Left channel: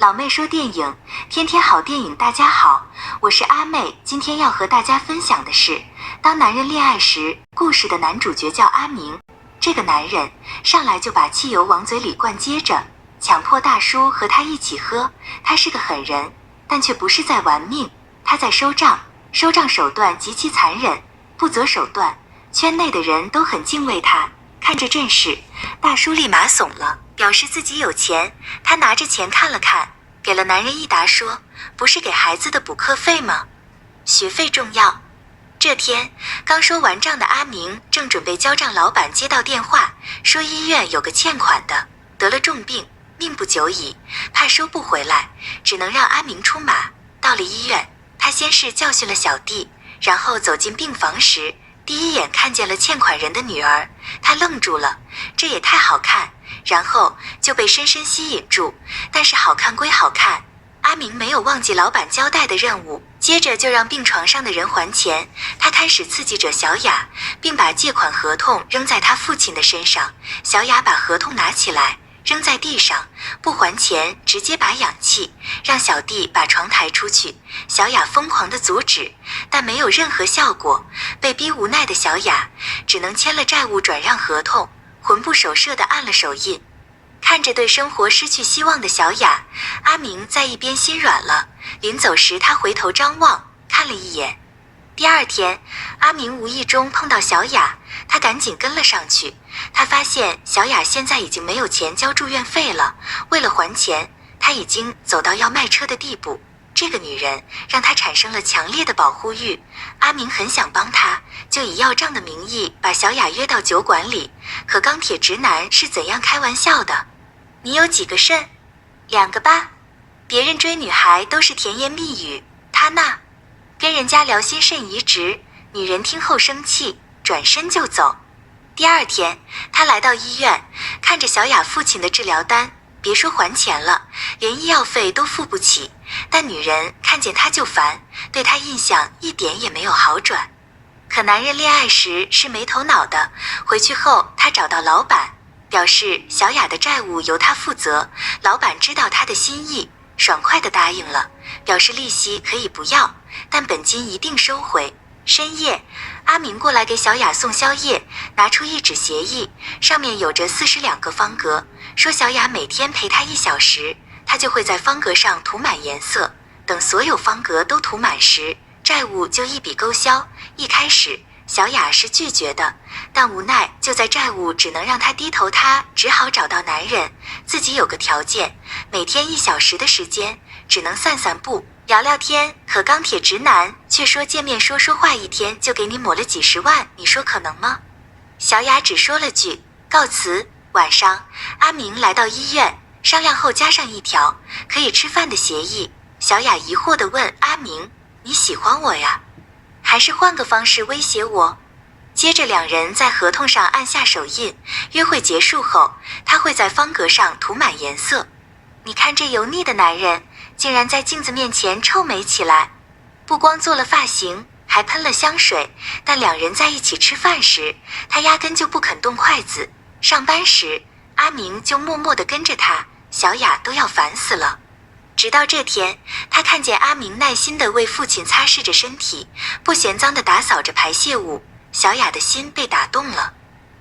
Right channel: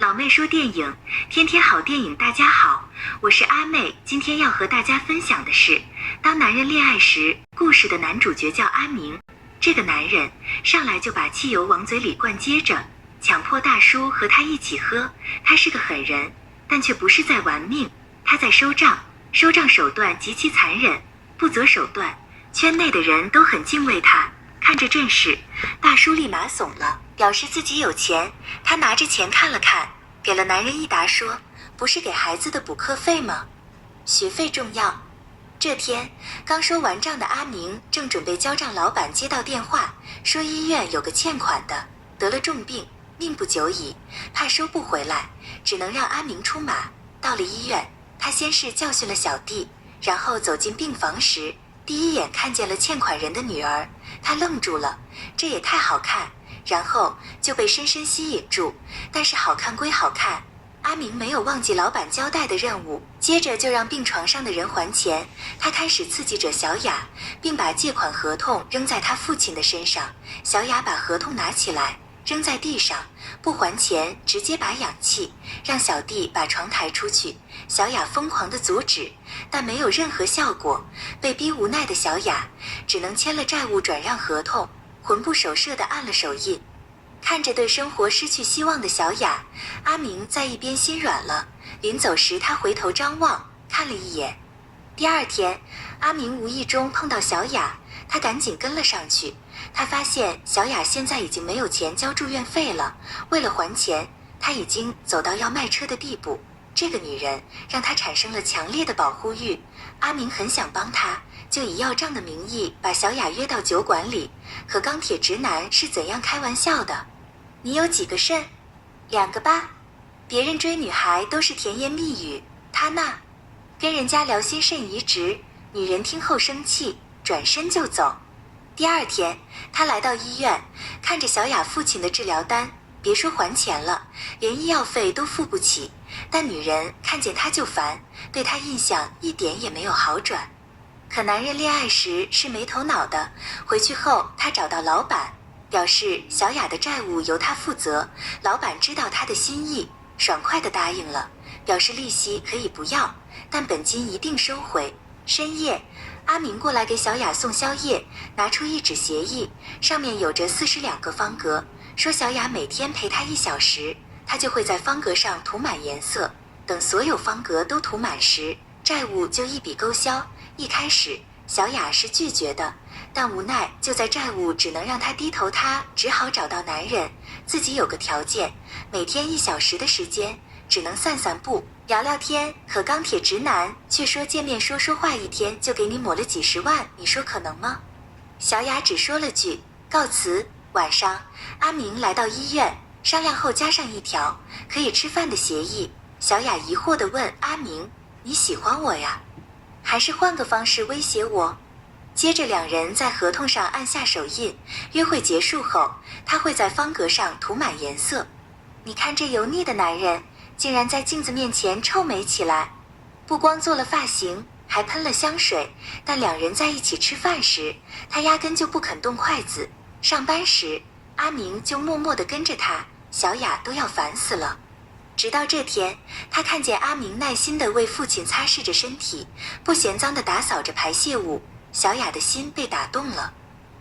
老妹说电影，天天好电影，大家好，我是阿妹，今天要和大家分享的是《当男人恋爱时》故事的男主角叫阿明。这个男人上来就把汽油往嘴里灌，接着强迫大叔和他一起喝。他是个狠人，但却不是在玩命，他在收账，收账手段极其残忍，不择手段，圈内的人都很敬畏他。看这阵势，大叔立马怂了，表示自己有钱。他拿着钱看了看，给了男人一沓，说：“不是给孩子的补课费吗？学费重要。”这天刚收完账的阿明正准备交账，老板接到电话，说医院有个欠款的得了重病，命不久矣，怕收不回来，只能让阿明出马。到了医院，他先是教训了小弟，然后走进病房时，第一眼看见了欠款人的女儿，他愣住了，这也太好看，然后就被深深吸引住。但是好看归好看，阿明没有忘记老板交代的任务，接着就让病床上的人还钱。他开始刺激着小雅，并把借款合同扔在他父亲的身上。小雅把合同拿起来扔在地上，不还钱，直接把氧气，让小弟把床抬出去。小雅疯狂地阻止，但没有任何效果。被逼无奈的小雅只能签了债务转让合同，魂不守舍地按了手印。看着对生活失去希望的小雅，阿明在一边心软了。临走时，他回头张望，看了一眼。第二天，阿明无意中碰到小雅，他赶紧跟了上去。他发现小雅现在已经没有钱交住院费了，为了还钱，他已经走到要卖车的地步。这个女人让他产生了强烈的保护欲。阿明很想帮她，就以要账的名义把小雅约到酒馆里。可钢铁直男是怎样开玩笑的？你有几个肾？2个吧。别人追女孩都是甜言蜜语，他那跟人家聊心肾移植，女人听后生气，转身就走。第二天，他来到医院，看着小雅父亲的治疗单，别说还钱了，连医药费都付不起。但女人看见他就烦，对他印象一点也没有好转。可男人恋爱时是没头脑的，回去后他找到老板，表示小雅的债务由他负责。老板知道他的心意，爽快地答应了，表示利息可以不要，但本金一定收回。深夜，阿明过来给小雅送宵夜，拿出一纸协议，上面有着42个方格，说小雅每天陪他1小时，他就会在方格上涂满颜色，等所有方格都涂满时，债务就一笔勾销。一开始小雅是拒绝的，但无奈就在债务只能让她低头，她只好找到男人。自己有个条件，每天1小时的时间，只能散散步聊聊天。可钢铁直男却说见面说话1天就给你抹了几十万，你说可能吗？小雅只说了句告辞。晚上，阿明来到医院，商量后加上一条可以吃饭的协议。小雅疑惑地问阿明：“你喜欢我呀？还是换个方式威胁我？”接着两人在合同上按下手印，约会结束后，他会在方格上涂满颜色。你看这油腻的男人，竟然在镜子面前臭美起来，不光做了发型，还喷了香水。但两人在一起吃饭时，他压根就不肯动筷子。上班时，阿明就默默地跟着他，小雅都要烦死了。直到这天，他看见阿明耐心地为父亲擦拭着身体，不嫌脏地打扫着排泄物，小雅的心被打动了，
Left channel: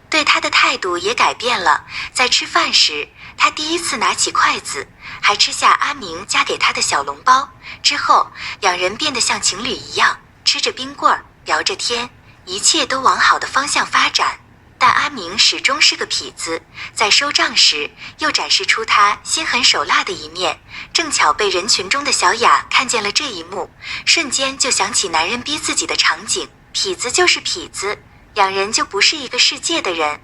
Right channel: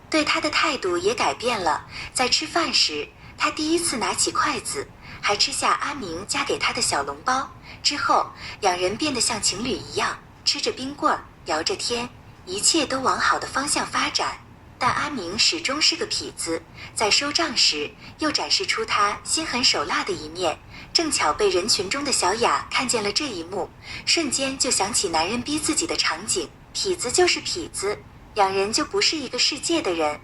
对他的态度也改变了。在吃饭时，他第一次拿起筷子，还吃下阿明夹给他的小笼包。之后，两人变得像情侣一样，吃着冰棍儿，聊着天，一切都往好的方向发展。但阿明始终是个痞子，在收账时又展示出他心狠手辣的一面。正巧被人群中的小雅看见了这一幕，瞬间就想起男人逼自己的场景。痞子就是痞子，两人就不是一个世界的人。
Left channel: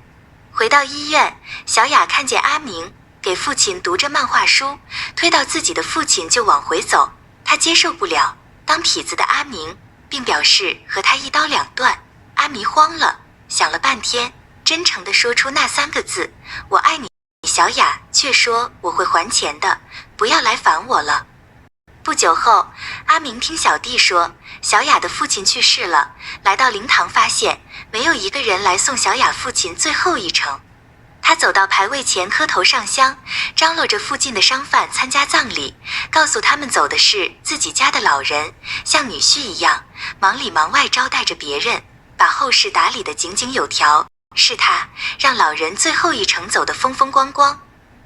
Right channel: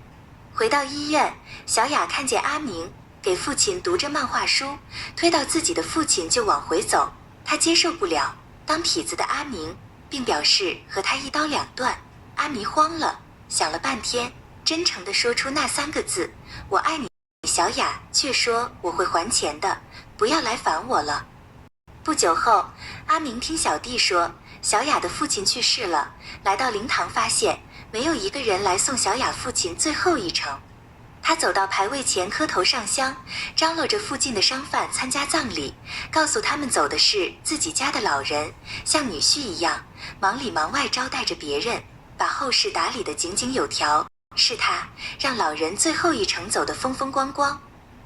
回到医院，小雅看见阿明给父亲读着漫画书，推到自己的父亲就往回走。他接受不了当痞子的阿明，并表示和他一刀两断。阿明慌了，想了半天，真诚地说出那3个字：“我爱你。”小雅却说：“我会还钱的，不要来烦我了。”不久后，阿明听小弟说小雅的父亲去世了，来到灵堂发现没有一个人来送小雅父亲最后一程。他走到牌位前磕头上香，张罗着附近的商贩参加葬礼，告诉他们走的是自己家的老人，像女婿一样忙里忙外招待着别人，把后事打理得井井有条。是他让老人最后一程走得风风光光。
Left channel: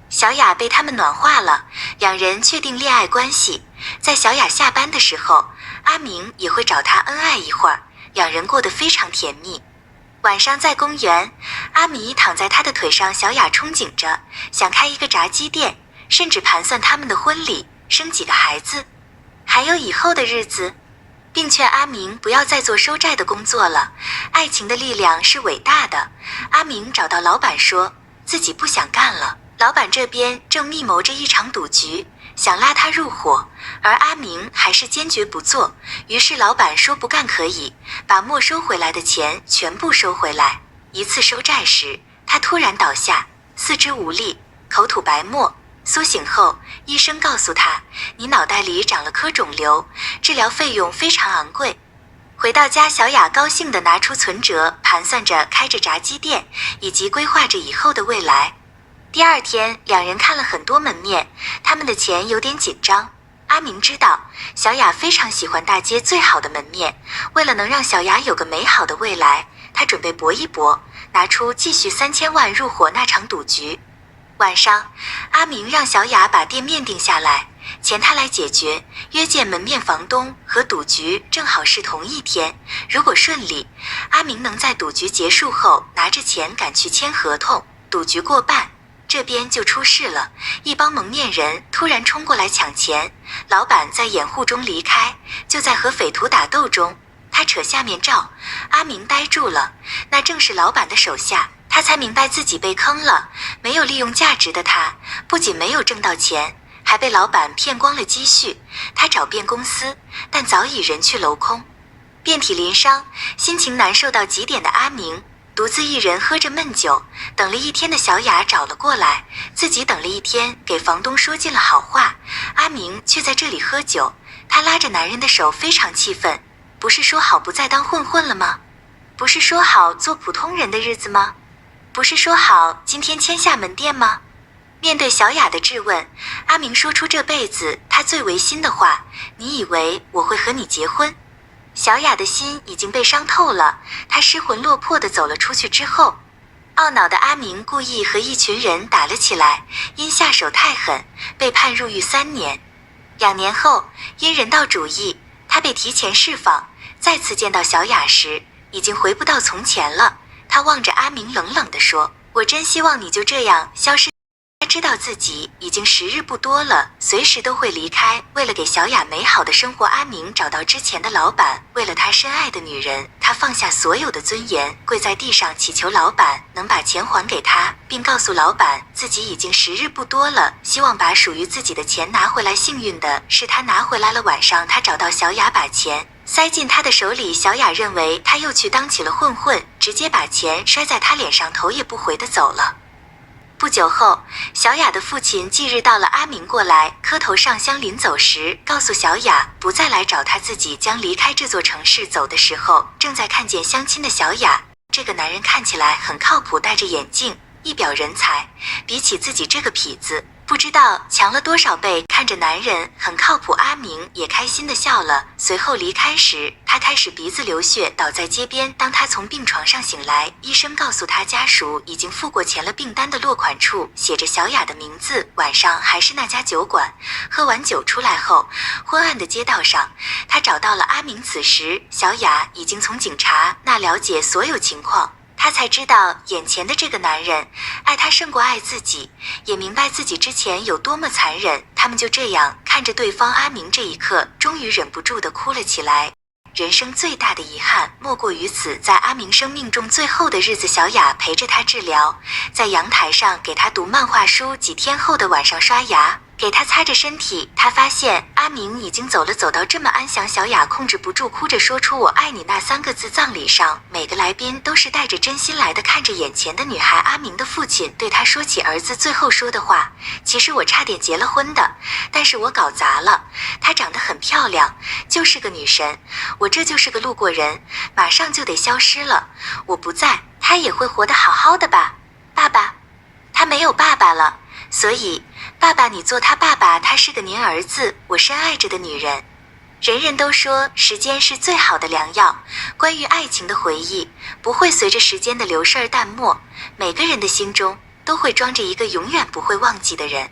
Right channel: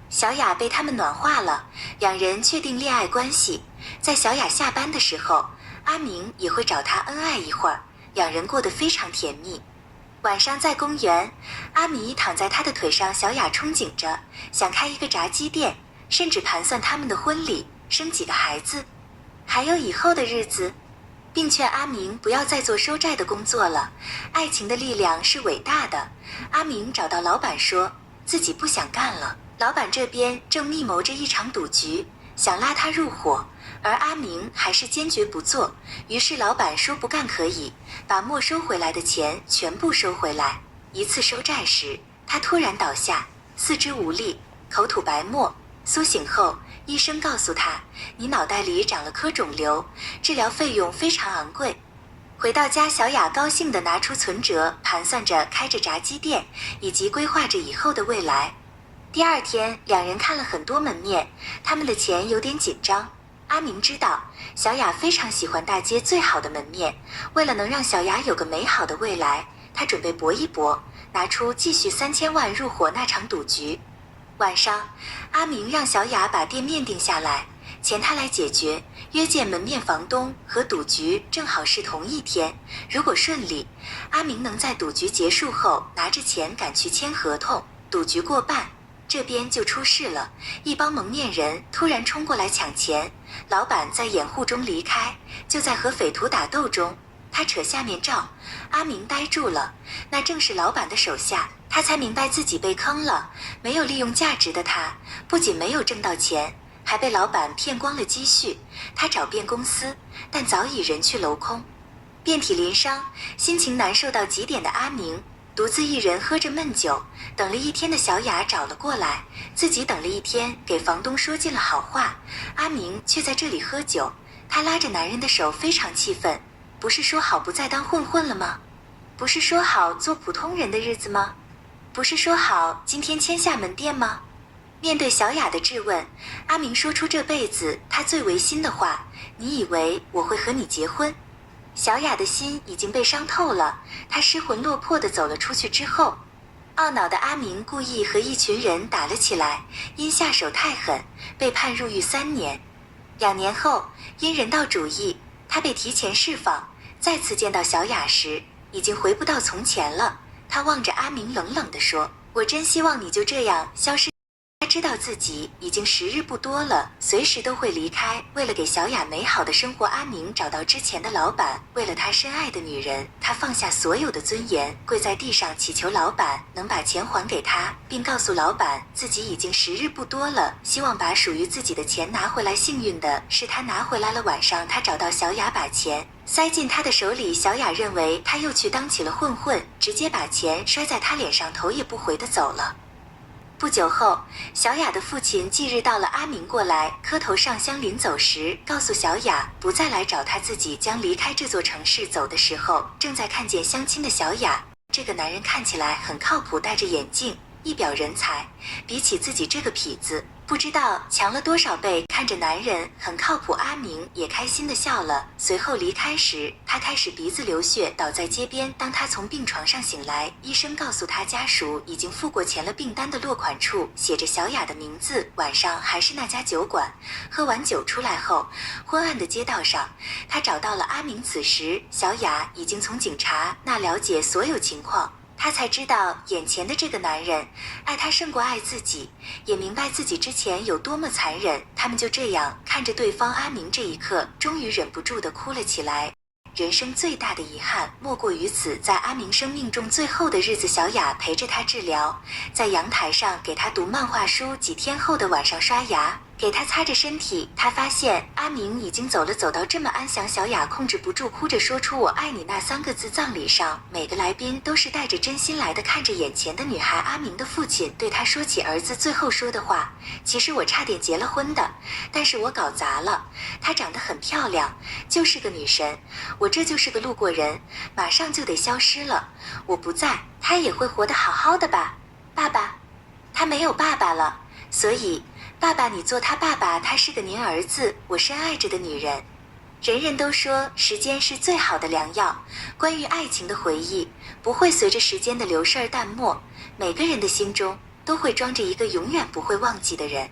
小雅被他们暖化了，两人确定恋爱关系。在小雅下班的时候，阿明也会找她恩爱一会儿，两人过得非常甜蜜。晚上在公园，阿米躺在他的腿上，小雅憧憬着想开一个炸鸡店，甚至盘算他们的婚礼，生几个孩子，还有以后的日子，并劝阿明不要再做收债的工作了，爱情的力量是伟大的。阿明找到老板说自己不想干了，老板这边正密谋着一场赌局，想拉他入伙，而阿明还是坚决不做。于是老板说不干可以，把没收回来的钱全部收回来。一次收债时，他突然倒下，四肢无力，口吐白沫。苏醒后，医生告诉他，你脑袋里长了颗肿瘤，治疗费用非常昂贵。回到家，小雅高兴地拿出存折，盘算着开着炸鸡店，以及规划着以后的未来。第二天，两人看了很多门面，他们的钱有点紧张。阿明知道小雅非常喜欢大街最好的门面，为了能让小雅有个美好的未来，他准备搏一搏，拿出继续3000万入伙那场赌局。晚上，阿明让小雅把店面定下来，钱他来解决，约见门面房东和赌局正好是同一天。如果顺利，阿明能在赌局结束后拿着钱赶去签合同。赌局过半，这边就出事了，一帮蒙面人突然冲过来抢钱，老板在掩护中离开。就在和匪徒打斗中，他扯下面罩，阿明呆住了，那正是老板的手下。他才明白自己被坑了，没有利用价值的他，不仅没有挣到钱，还被老板骗光了积蓄。他找遍公司，但早已人去楼空。遍体鳞伤，心情难受到极点的阿明，独自一人喝着闷酒。等了一天的小雅找了过来，自己等了一天，给房东说尽了好话，阿明却在这里喝酒。他拉着男人的手，非常气愤。不是说好不再当混混了吗？不是说好做普通人的日子吗？不是说好今天签下门店吗？面对小雅的质问，阿明说出这辈子他最违心的话，你以为我会和你结婚？小雅的心已经被伤透了，她失魂落魄地走了出去之后，懊恼的阿明故意和一群人打了起来，因下手太狠，被判入狱3年。2年后，因人道主义，他被提前释放。再次见到小雅时，已经回不到从前了。他望着阿明冷冷地说，我真希望你就这样消失。他知道自己已经时日不多了，随时都会离开。为了给小雅美好的生活，阿明找到之前的老板，为了他深爱的女人，他放下所有的尊严，跪在地上祈求老板能把钱还给他，并告诉老板自己已经时日不多了，希望把属于自己的钱拿回来。幸运的是，他拿回来了。晚上，他找到小雅，把钱塞进他的手里。小雅认为他又去当起了混混，直接把钱摔在他脸上，头也不回地走了。不久后，小雅的父亲忌日到了，阿明过来磕头上香，临走时告诉小雅不再来找他，自己将离开这座城市。走的时候，正在看见相亲的小雅，这个男人看起来很靠谱，戴着眼镜，一表人才，比起自己这个痞子，不知道强了多少倍。看着男人很靠谱，阿明也开心地笑了。随后离开时，他开始鼻子流血，倒在街边。当他从病床上醒来，医生告诉他家属已经付过钱了，订单的落款处写着小雅的名字。晚上还是那家酒馆，喝完酒出来后，昏暗的街道上，他找到了阿明。此时小雅已经从警察那了解所有情况，他才知道眼前的这个男人爱他胜过爱自己，也明白自己之前有多么残忍。他们就这样看着对方，阿明这一刻终于忍不住地哭了起来。人生最大的遗憾莫过于此。在阿明生命中最后的日子，小雅陪着他治疗，在阳台上给他读漫画书。几天后的晚上刷牙，给他擦着身体。他发现阿明已经走了，走到这么安详。小雅控制不住哭着说出我爱你那3个字。葬礼上每个来宾都是带着真心来的，看着眼前的女孩，阿明的父亲对他说起儿子最后说的话，其实我差点结了婚的，但是我搞砸了。她长得很漂亮，就是个女神，我这就是个路过人，马上就得消失了。我不在，她也会活得好好的吧？爸爸，他没有爸爸了，所以爸爸你做他爸爸，他是个您儿子，我深爱着的女人。人人都说时间是最好的良药，关于爱情的回忆不会随着时间的流逝而淡漠，每个人的心中都会装着一个永远不会忘记的人。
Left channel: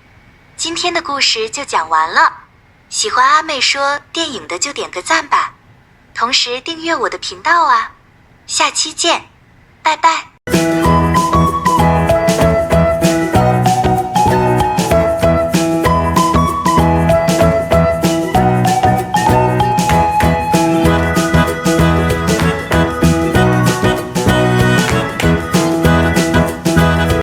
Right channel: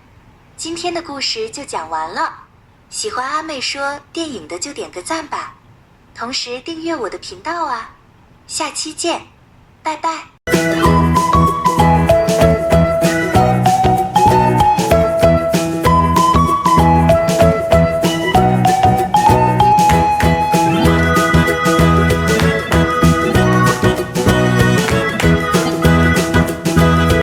今天的故事就讲完了，喜欢阿妹说电影的就点个赞吧，同时订阅我的频道啊，下期见，拜拜。